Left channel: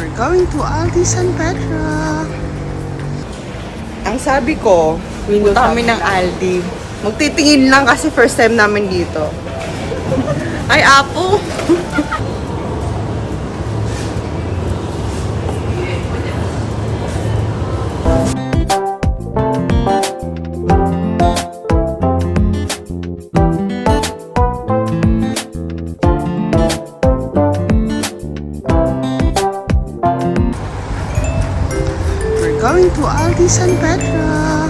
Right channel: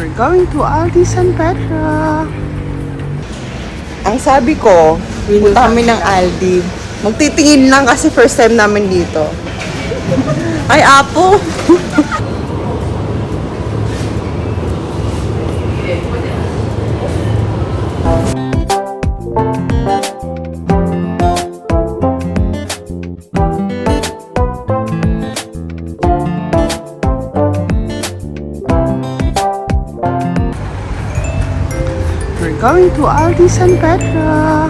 We're going to Aldi San Pedro. Ang sabi ko, punta kami ng Aldi. Magtitingin lang kasi first time namin dito. Ay, Apo! Going to Aldi San Pedro.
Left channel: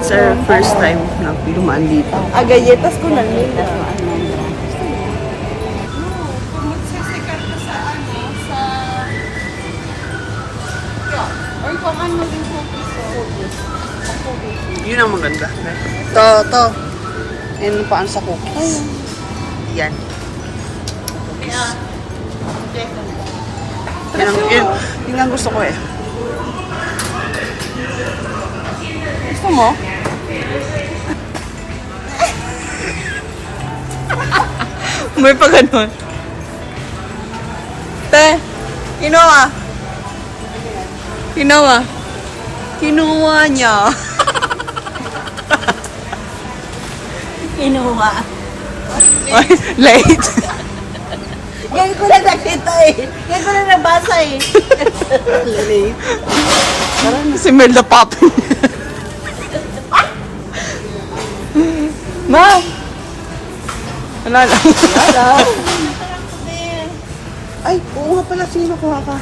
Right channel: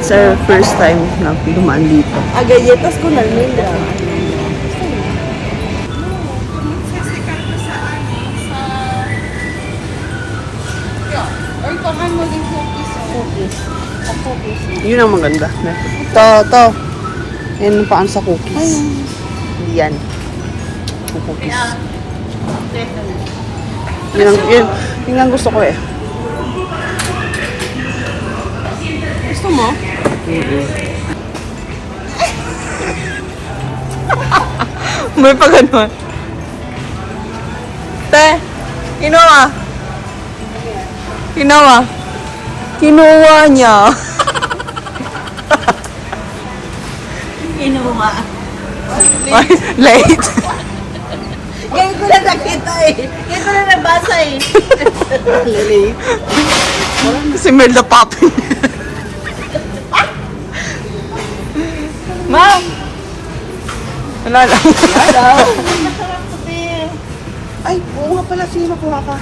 It's our first time na dumaan dito. Galletas con almendra. Or kung ano yung cookies. Yun ang maganda. To. Yan ang paan sa cookies. Hindi yan. Cookies. Yun ang gusto ko eh. Gusto mo? May pa ganun. Te, kinuha. Kinuha niya. Inuha. Ay, late. Ngayon ko na nakita eh. Ngayon ko na nabasa eh. Late. Kasi Melda popping. Mom! Wala lang. Ay, oo nga pala. Sino ko nga ka?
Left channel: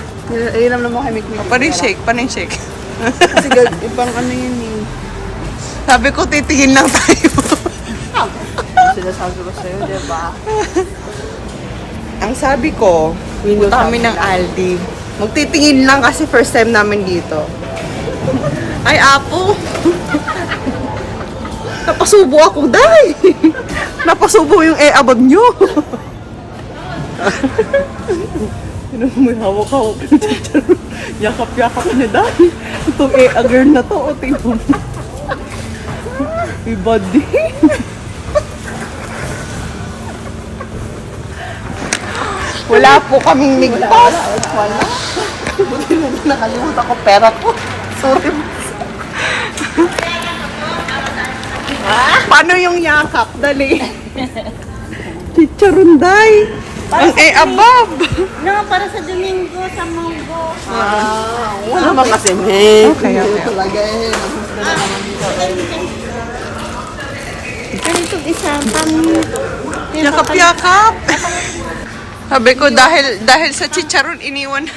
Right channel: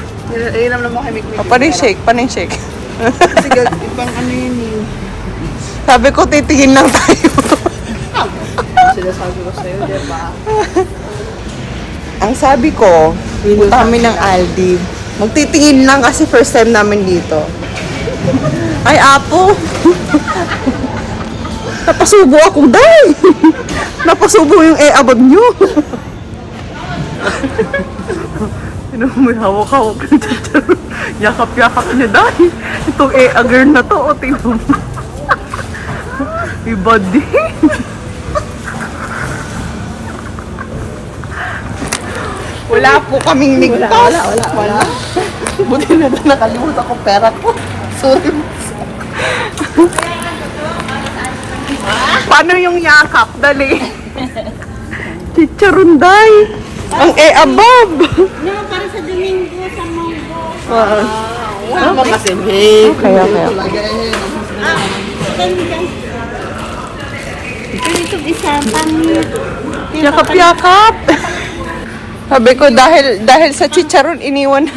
Ilam naman kami. Paning shake. Kasi ibang ano yun eh. Sabi ko, titingin lang tayo. Sinasabi ko sa'yo, diba? Ang sabi ko, punta kami ng Aldi. Magtitingin lang kasi first time namin dito. Ay, Apo! Napasubo ako, day! Napasubo yung abag nyo. May hawak-hawak ng chicharon. Yakap-yakap niya, day. Itong agar na to, o tingnan mo. Iba din. Wala po kaming ligtas. Wala. Buti na nakalimutan ko pera ko. Sorry. Paano yung yakap? Dali. Chicharunday. Ang above. No, para sa Domingo, sa Monggo. Okay. Pero itong isa, pangit. Yakap-yakap. Sabi ko, dahil sa chicharon, iniwan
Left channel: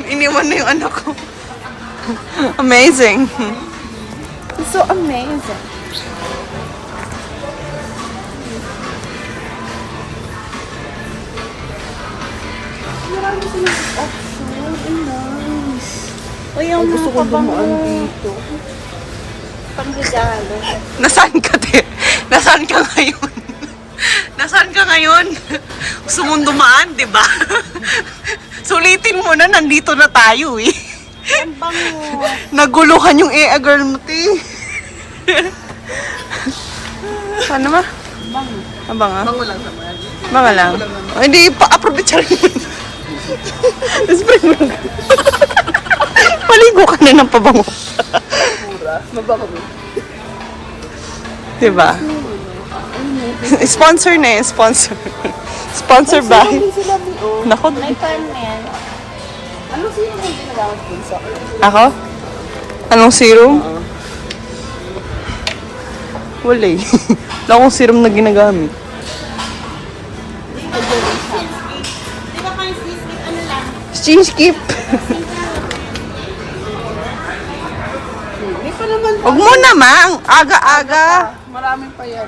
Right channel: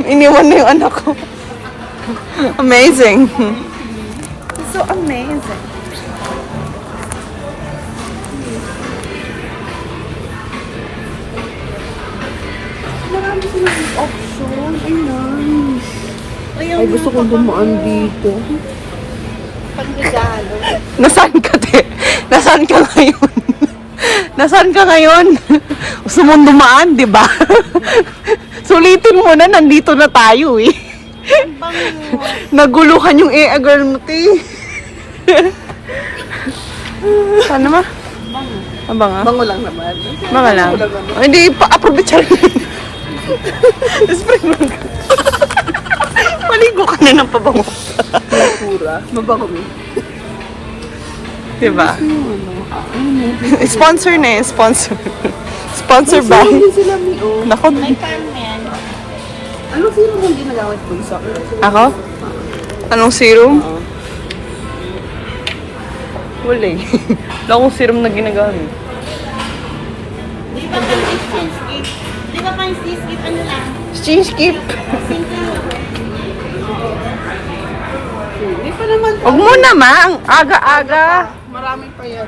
na yung anak ko. Amazing. So amazing. Marami silang option. Ay, nice. Ay, gusto kong dumaan dito. Pagregalo. Nasaan ka, te? Nasaan ka ngayon? Nasaan ka ngayon? Gusto mong dumaan, di ba? Sulitin mo na, nandito na tayo eh. Naguluhan yung agar mo, te. Paano ma? Bango. Bango lang naman. Bango lang. Oh, hindi, pa-approve rin. Paligo ka na ng pabango. Mabango mo. Diba? Sponsor na eh, sponsor. Sponsor by. Nako. Anong sino mo yung ginagamit po sa Ako? Anong serum? Wala eh. Wala akong serum na ginagamit. Di ba pang skip ano lang? Skip. Hindi pa naman. Huwag mo naman. Aga-aga. Marami pa yan.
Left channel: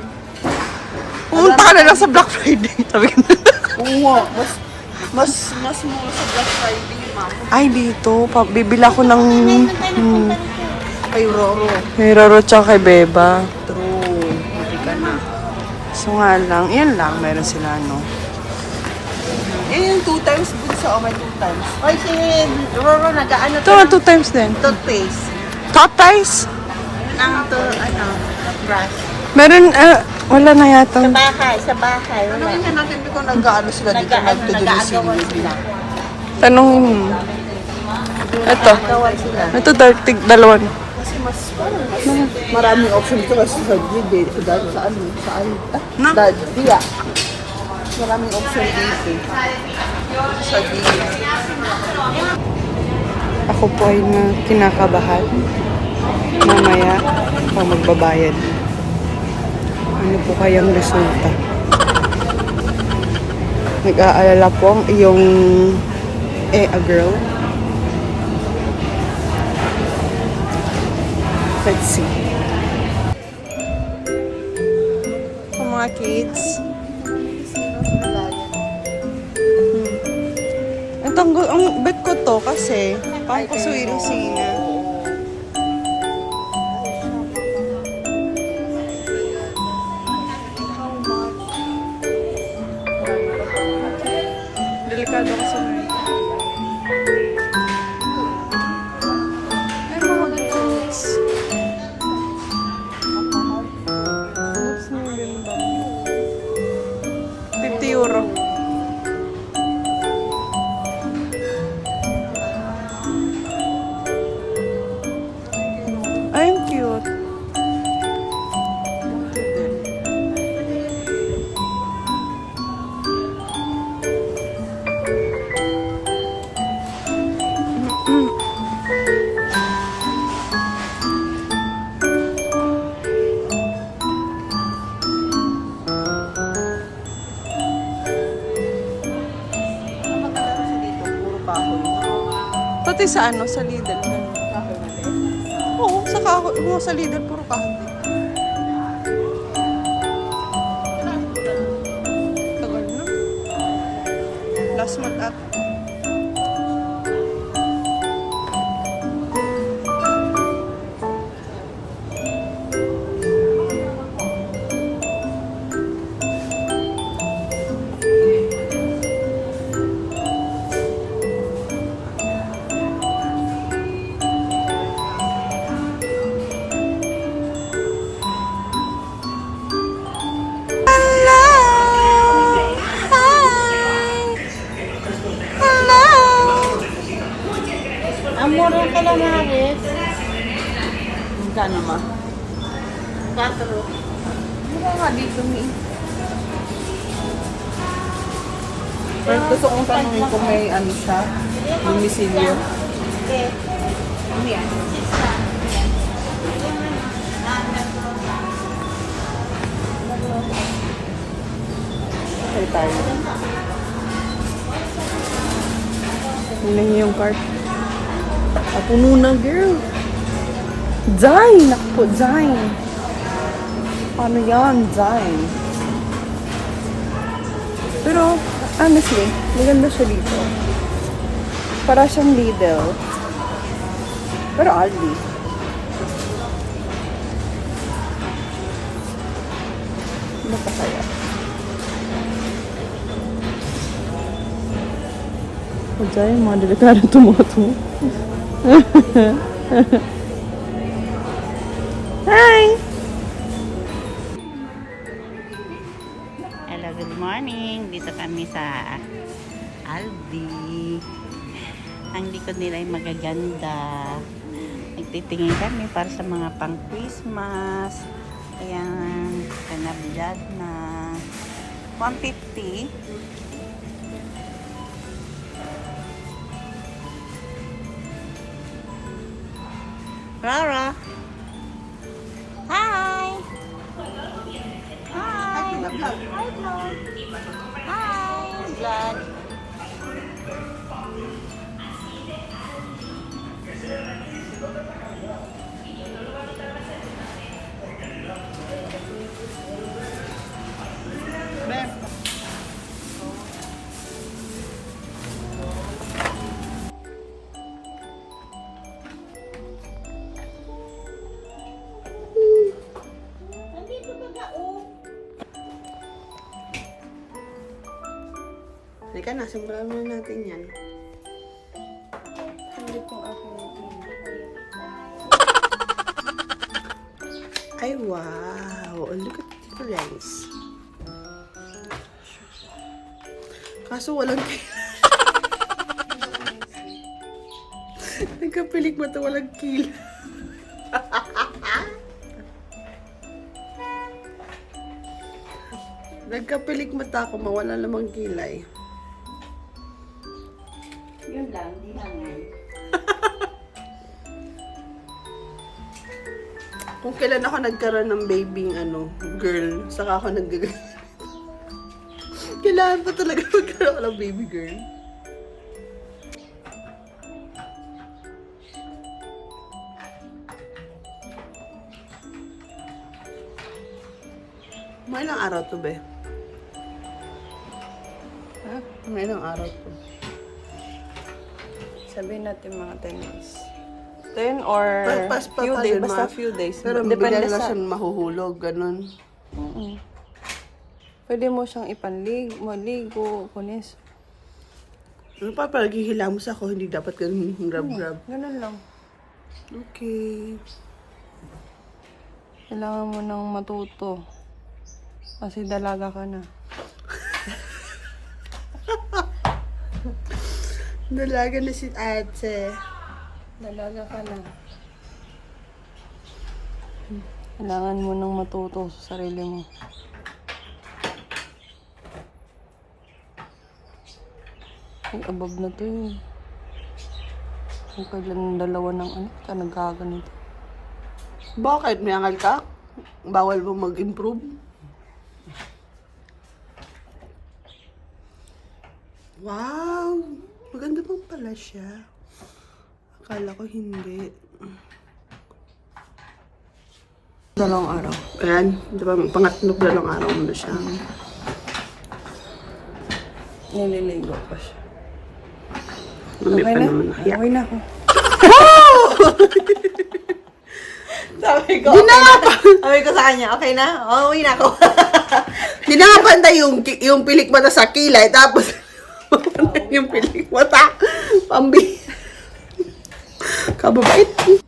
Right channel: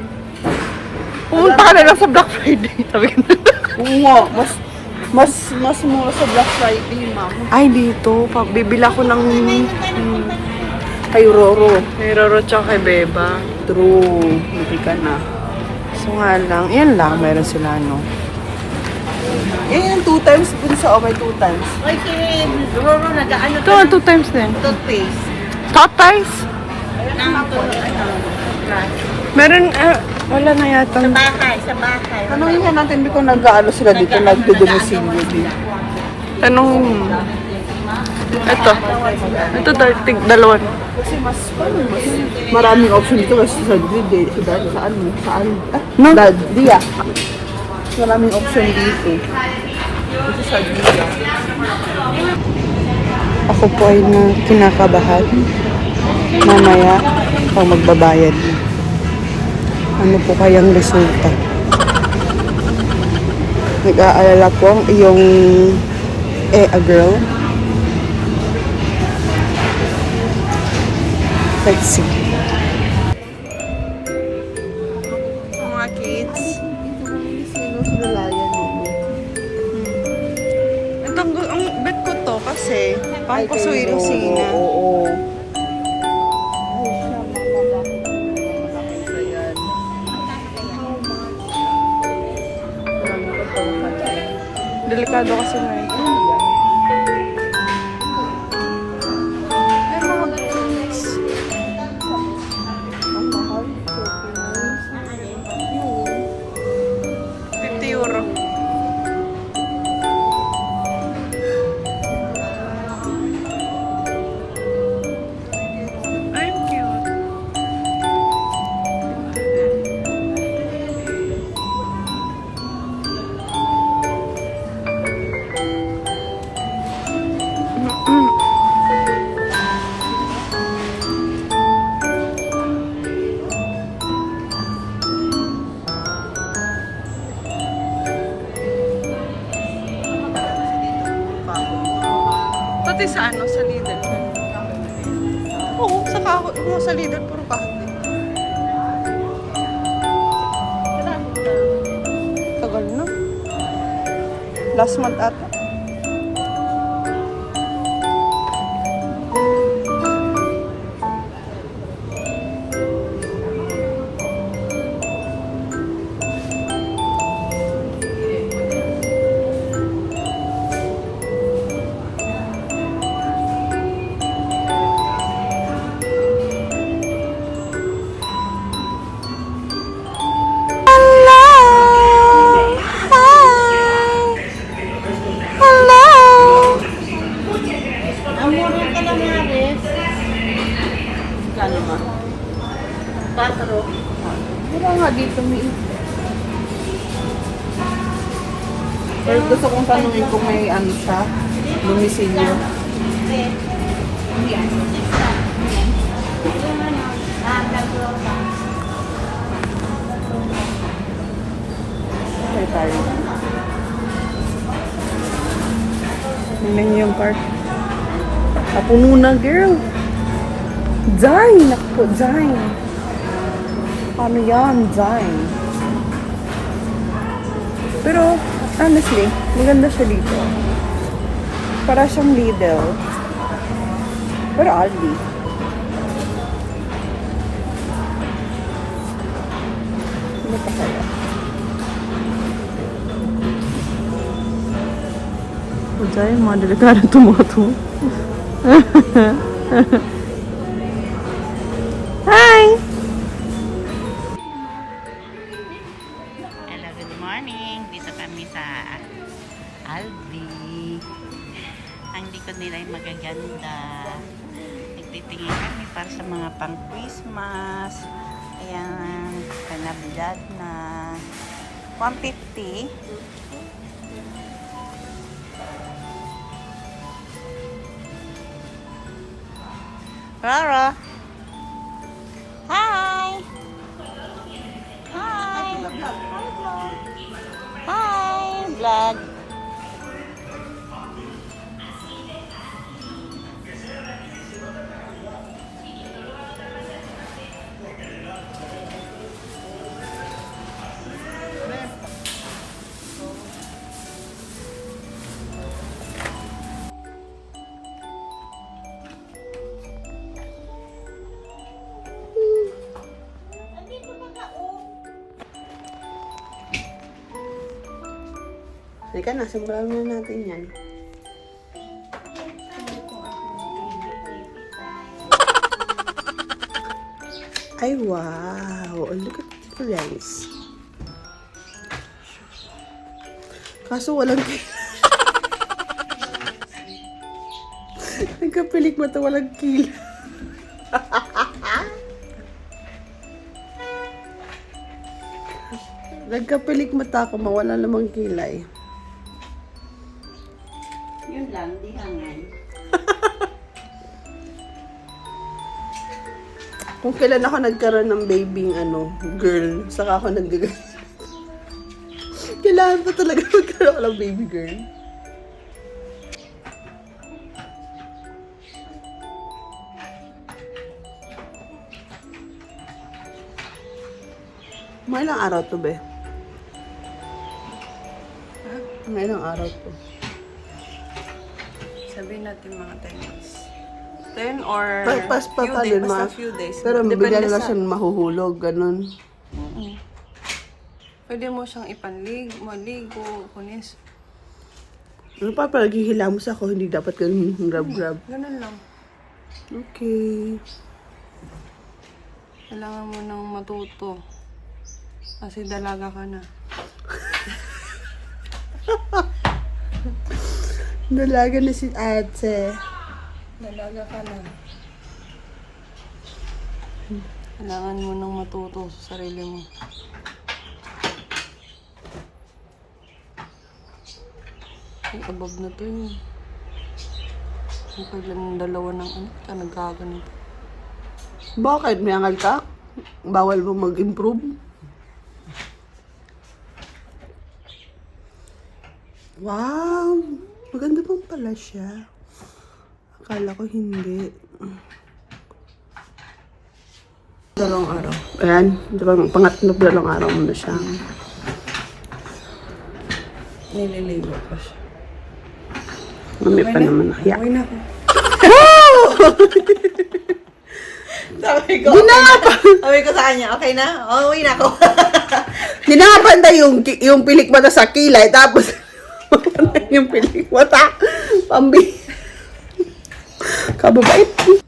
Pumunta ka na lang sa Black Friday. Sabi ko na. Oo nga, mas mura sa Black Friday, ma'am. Ay, dito. Bibila ko ng... Kay Roro. May Roro tsaka kay Beba. True. Hindi ka na. So nga lang. Yan lang. Meron sila, no? Eh, 2 times din sa may 2 times. Ay, si Roro nag-ano Ito nga, 2 times din. toothpaste. Tatais? Ang to, brush. Meron, wala na yata. Sa bahay. Tanongin ko natin, hindi ko nag-ano sila dito, nagdudumisin. Tanongin mo. Ito. Ito, dalawan. Maraming option dito kasi sa grid eh. So, dahil sa ano? Sa ano? No? Dia. Maraming option dito. Ako po ay kinakabahan. Mamaya, pag magbabayad. Ano po kayang resulta? Nag-aalala po ang iyong a girl. Let's see. Mga kids. Ang bet ko to kasi pang kusuin ng sina. Oo. Delikado kasi na ito. Ay, mga boots. 50 euro. Ay, ang cute. Pati sa ano, sa Lidl. Oo, sa kahoy. Oo, sa Lidl, puro kahoy. Tagal na. Last month ata. Ang mura ka lang nga rin. Gano'n mo? 4. Ano nga dito mo? Pero gusto kong tanongin kung may ano siya, domicilio. Okay tayo. Tingnan niyo yung cart. Puno na, girl. Dine! Naku, dine. Ano yan? Dine. Pero, honestly, maganda siya dito. Para siyang Lidl. Pero Aldi. Ano pa kaya? O dyan, mga delikado tumoto. Hi! Hello, good morning. Dito kami sa Aldi. Ang likod nila ay magaganda. Nagtitingin kami para sa mga pang Christmas. Ayan, kanablad na 150. Rara. Hi. Hi. Hi, vlog. Hi, vlog. Teka na, simulan muna natin yan. Ay, wow! Look at the difference. Kaso walang nagkapilik mata, walang kila. Nagkapilik mata ako, mawala namang kilay. Yun lang, di hangay. Kung kailan ako nagkaroon ng babying girl, saka ako nag kailangan pa talaga magkaroon ako ng baby girl. Mga ilang araw to, be? Mga ilang araw to? Sabihin natin mga 10 days. 10 or Pas pa pa din, basta few days. Pero bigla Depende na lang sa- siya mahuhulog, ganun. Pwede mo siyang maligo, kunis. Ano pa, pag hihilamos ako, hindi dapat ganun grab-grab. Ganun lang. Okay. Kailangan mo nang matuto. Kasi dalaga ka na. Dalaga na si ate. Dalaga ka na. Kailangan mo nang matuto sa sarili mo. Ay, above na to yun. Kung kailan dalawa ng ka nagkaganito. Bakit? May angal ka? Bawal mo mag-improve? Wow! Maganda pang pala siya. Akala ko hindi. Dalawang araw. Ayan. Diba, dalawang araw mo na siya. Nililigo pa siya. Mami pa naman nakaya. Uwi na ako. Sabi ko, Di na nga pa! sabi ko sa kanya, okay na? Oo, uwi na ako. Di na nga panda yung pilik mata sa kilay, tapos yung pilik mata. Pambi. Kababait.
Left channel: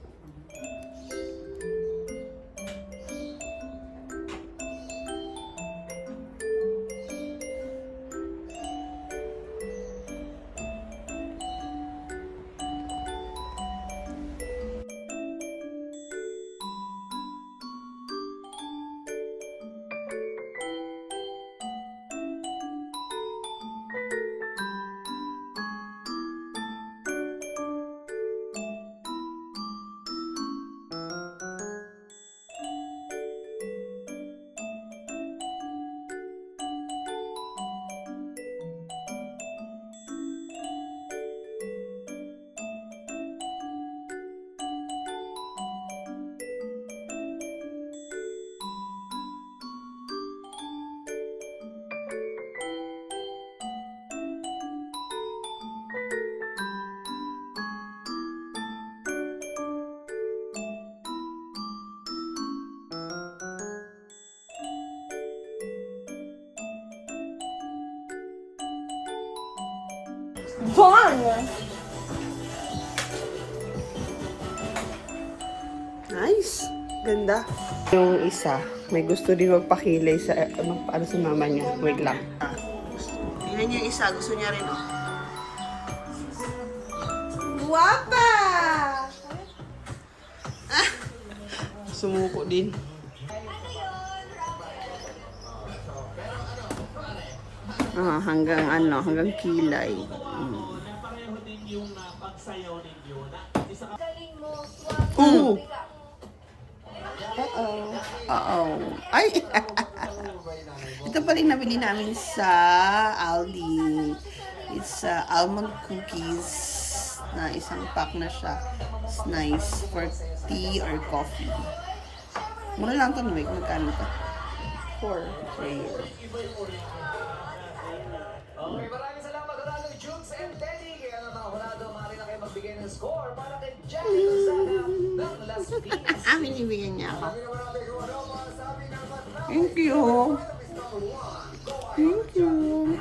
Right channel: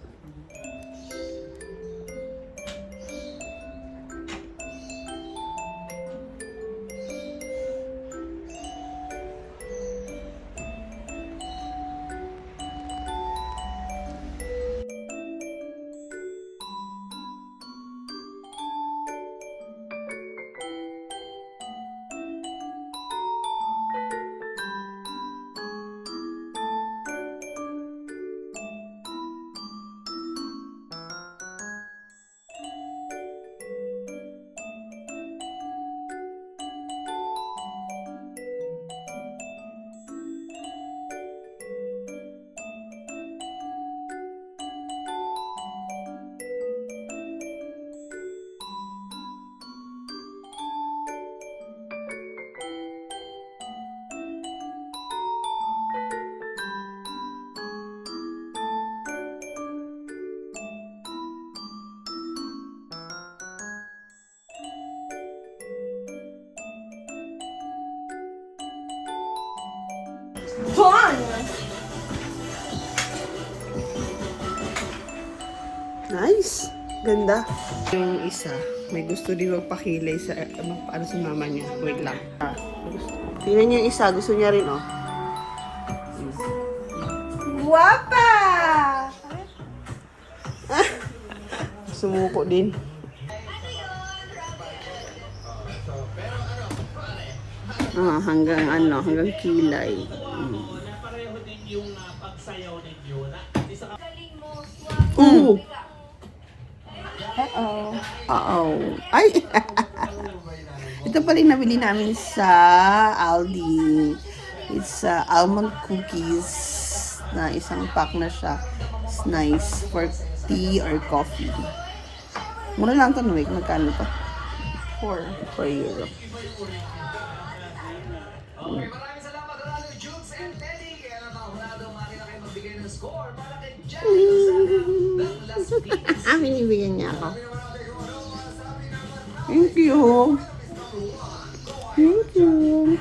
Nice. Ganda. Yung isa, may gusto din magpakilay sa, para sa mama niya. Wait lang. Tingnan niyo yung isa, gusto niya rin, oh. Guwapa! Sumuko din. Hanggang kilay. Oo. Oo. Ay! Ito pala yung nabili namin sa Aldi. It's almond cookies na isang pack na siya. It's nice for tea or coffee. Mura lang ito, Noy. Magkano ito? 4 euro. Binibigyan niya ako. Thank you. Thank you.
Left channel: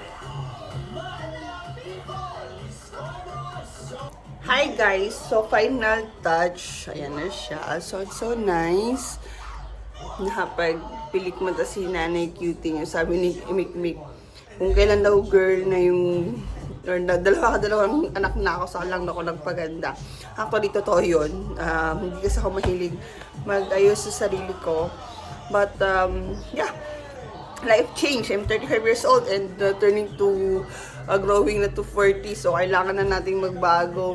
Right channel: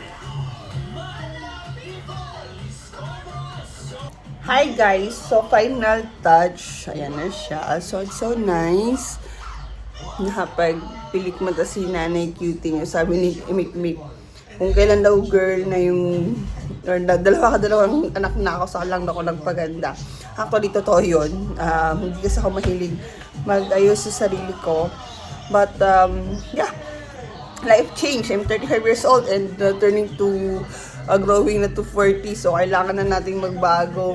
Hi guys! So, final touch. Ayan na siya. So, it's so nice. Nakapagpilik mata si Nanay Cutie niya. Sabi ni Imik-Mik, kung kailan daw girl na yung, or na, dalawang anak na ako, saka lang ako nagpaganda. Actually, totoo yun. Hindi kasi ako mahilig mag-ayos sa sarili ko. But, yeah. Life change. I'm 35 years old and turning to growing na to 40. So, kailangan na nating magbago,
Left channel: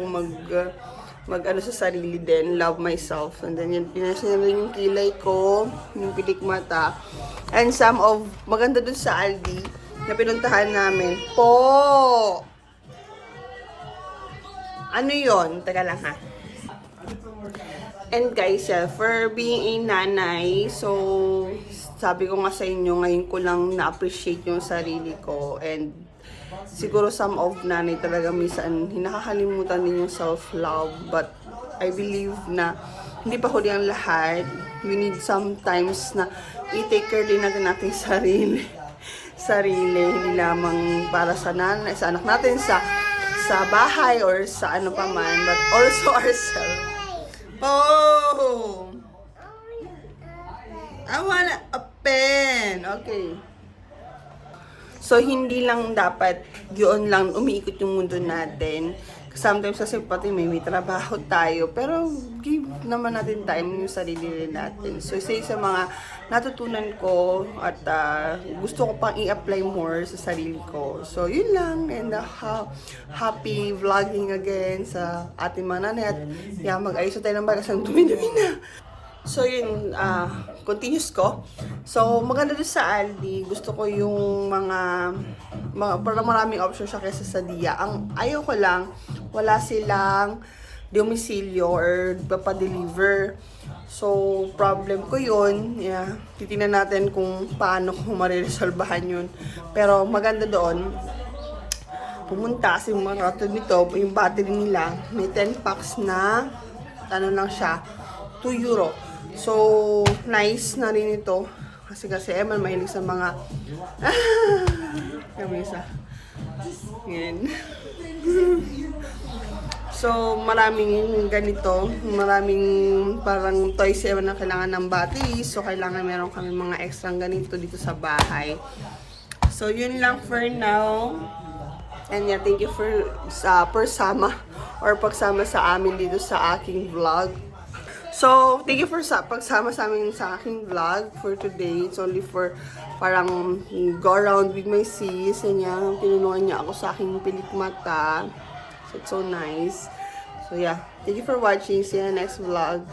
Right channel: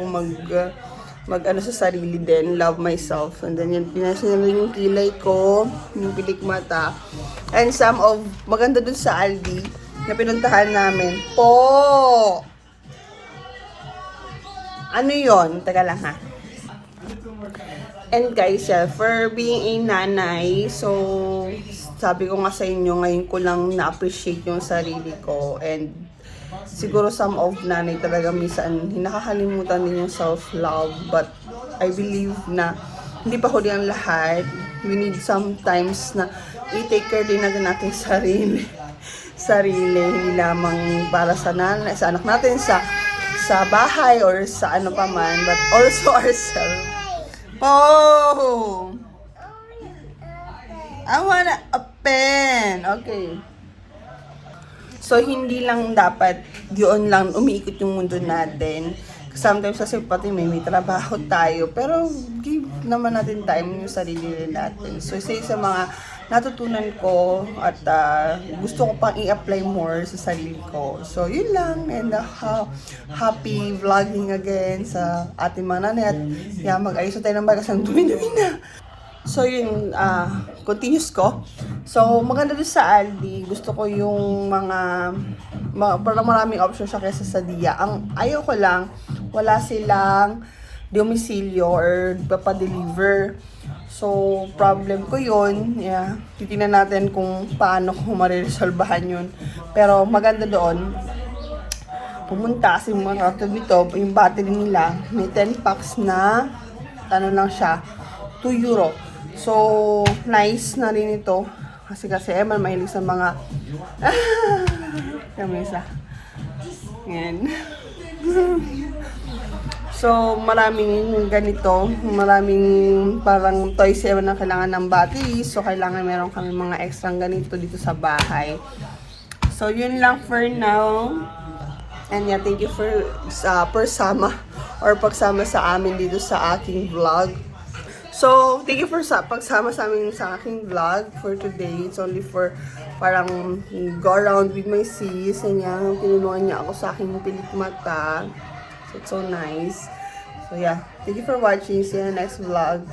mag-ano sa sarili din, love myself. And then, yun, pinasin na rin yung kilay ko, yung pilik mata. And some of, maganda dun sa Aldi, na pinuntahan namin. Po! Ano yon? Teka lang ha. And guys, for being a nanay, so, sabi ko nga sa inyo, ngayon ko lang na-appreciate yung sarili ko. And siguro some of nanay talaga minsan hinakakalimutan din yung self-love. But I believe na hindi pa huli ang lahat. We need sometimes na i-take care din natin ating sarili. Hindi lamang para sa nanay, sa anak natin, sa bahay or sa ano pa man, but also ourselves. Oh! I wanna a pen. Okay. So, hindi lang dapat yun lang umiikot yung mundo natin. Sometimes kasi pati may trabaho tayo. Pero, give naman natin time yung sarili rin natin. So, isa sa mga natutunan ko at gusto ko pang i-apply more sa sarili ko. So, yun lang. And happy vlogging again sa ating mga nanay. At mag-ayos tayo ng bagas ng dumi-dumi na. So, yun, continuous ko. So, maganda doon sa Aldi. Gusto ko yung parang maraming option siya kaysa sa Dia. Ang ayaw ko lang, wala silang domicilio or papadeliver. So, problem ko yun. Yeah. Titingnan natin kung paano ko mariresolbahan yun. Pero, maganda doon. Pumunta kasi mga katulad nito, yung battery nila, may 10 packs na, ano lang siya, 2 euro. So, nice na rin ito. Kasi Eman mahilig sa mga... Yung isa. Yan. So, maraming ganito. Maraming parang toys Eman na kailangan ng battery. So, kailangan meron kami mga extra ganito dito sa bahay. So, yun lang for now. And yeah, thank you for pagsama sa amin dito sa aking vlog. So, thank you for pagsama sa amin sa aking vlog for today. It's only for parang go around with my sis. And yan, tinulungan niya ako sa aking pilik mata. So, it's so nice. So, yeah. Thank you for watching. See you in the next vlog.